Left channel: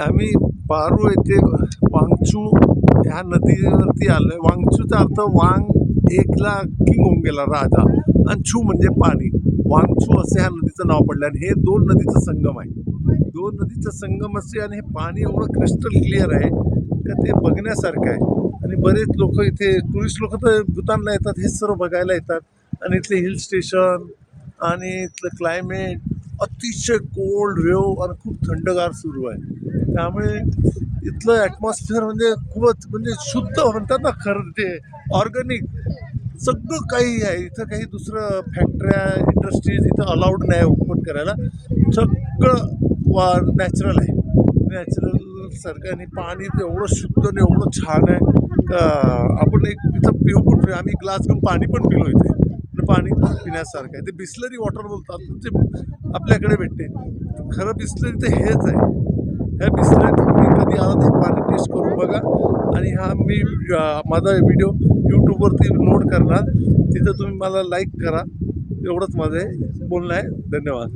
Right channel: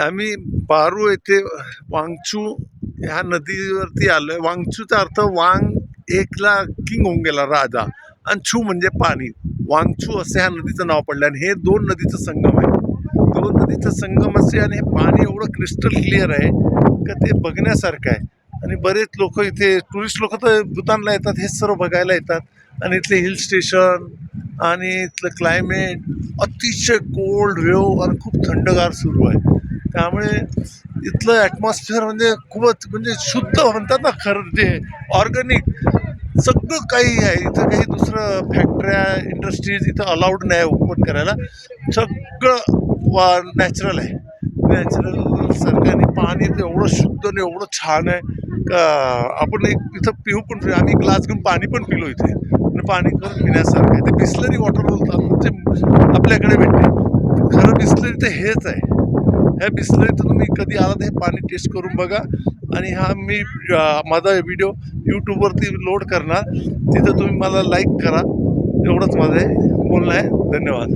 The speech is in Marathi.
आम्ही पारू येथे वांगचू ह्या नदीवरती आलोय. वांगचूचा अर्थ वांग एकला किंग होऊन गेला राजा, आणि छू म्हणजे पाणी. वांगचू असं ह्या नदीचं नाव पडलं, आणि हे दोन नदीचं संगम आहे. दोन नदीचं संगम असे, आणि हे पाणी एवढं क्रिस्टल क्लिअर आहे का ते बघण्यासारखं आहे. आणि बरेच लोक इथे, टुरिस्ट लोक तर भूतानला येतात, हे सर्व बघायला येतात. आणि इथले हिल स्टेशन आणि इथलं क्लायमेट अतिशय कोल्ड वेव आणि खूप थंडगार सुरू आहे. त्यामुळे इथलं ॲटमॉस्फिअर म्हणजे खूपच, म्हणजे शुद्ध म्हणतात ना, खरं जे ऑर्गॅनिक सगळं काही आहे इथं. काही दुसरं फॅक्टऱ्या इंडस्ट्रीज इथं अलाउड नाही ओपन करायला. सगळं नॅचरल आहे. नॅचरल सारखं, आणि पाणी तर एवढं शुद्ध आणि एवढं छान आहे का आपण एक इथं पिऊ पण, आम्ही ग्लास घेऊन पाणी पण पिलो इथे. आणि पाणी पण पिण्यासारखं आहे. ते बिस्लरी वॉटर बोलतात, म्हणजे आपल्याकडे भेटते. खरं बिस्लरी तर हेच आहे. ह्या बिस्लरीचं तुम्ही कधी आला तर हे पाणी टेस्ट करून बघा. आणि हा मी माझा व्हिडिओ यूट्यूबवरती लोड करणार, तिथं तुम्ही मला लाईक करा. एवढंच माझं बोलणं आहे. धन्यवाद.